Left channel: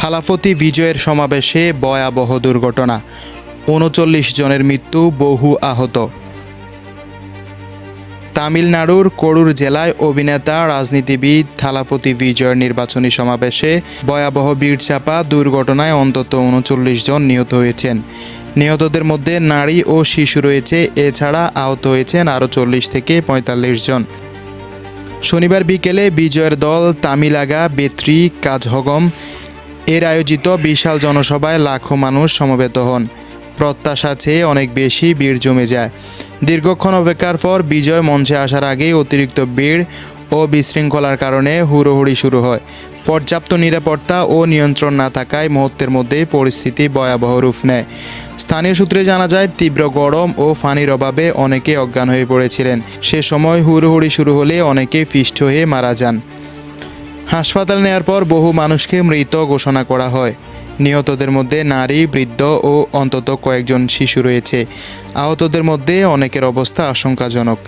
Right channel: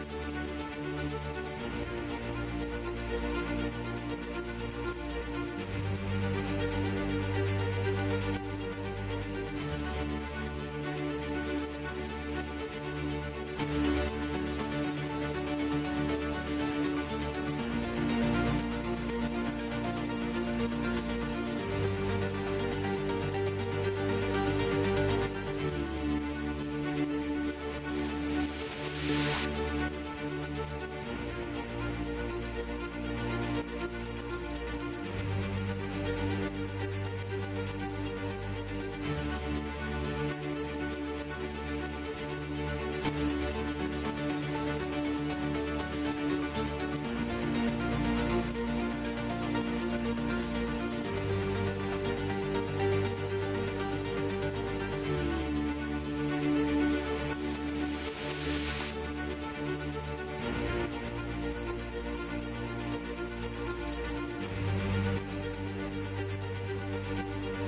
থালাপতি বিজয়ের সমাবেশে ভয়াবহ দুর্ঘটনা, ৩৯ জনের মৃত্যু, বহু আহত। তামিলনাড়ুর করুর জেলায় অভিনেতা রাজনীতিবিদ থালাপতি বিজয়ের নির্বাচনী সমাবেশে ভয়াবহ ভিড়চাপা দুর্ঘটনায় অন্তত ৩৯ জন নিহত হয়েছেন। নিহতদের মধ্যে নারী ও শিশু রয়েছে। এছাড়া আহত হয়েছেন আরও ৪০ থেকে ৪৫ জন। শনিবার বিকেলে বিজয়ের দল তামিলাগা বেত্রি কাজহগম এর আয়োজিত বিশাল জনসভায় লাখো মানুষ সমবেত হন। প্রত্যাশা চেয়ে অনেক বেশি ভিড় জমে যায়। দীর্ঘক্ষণ অপেক্ষার পর বিজয় মঞ্চে আসার আগেই অতিরিক্ত ভিড় ও বিশৃঙ্খলার কারণে হুড়োহুড়ি শুরু হয়। পর্যাপ্ত নিরাপত্তা ও নিয়ন্ত্রণ না থাকায় মুহূর্তের মধ্যেই পরিস্থিতি ভয়াবহ রূপ নেয়। স্থানীয় সূত্রে জানা যায়, তীব্র গরম ও পানির অভাবে অনেকে অজ্ঞান হয়ে পড়েছিলেন। সে সময় হুড়োহুড়ি শুরু হলে অনেকে পিষ্ট হয়ে মারা যান। হাসপাতালে নেওয়ার পর বহু মানুষকে মৃত ঘোষণা করা হয়। নিহতদের মধ্যে নারী, বৃদ্ধ ও অন্তত কয়েকজন শিশু রয়েছে। আহতদের মধ্যে অনেকের অবস্থা আশঙ্কাজনক।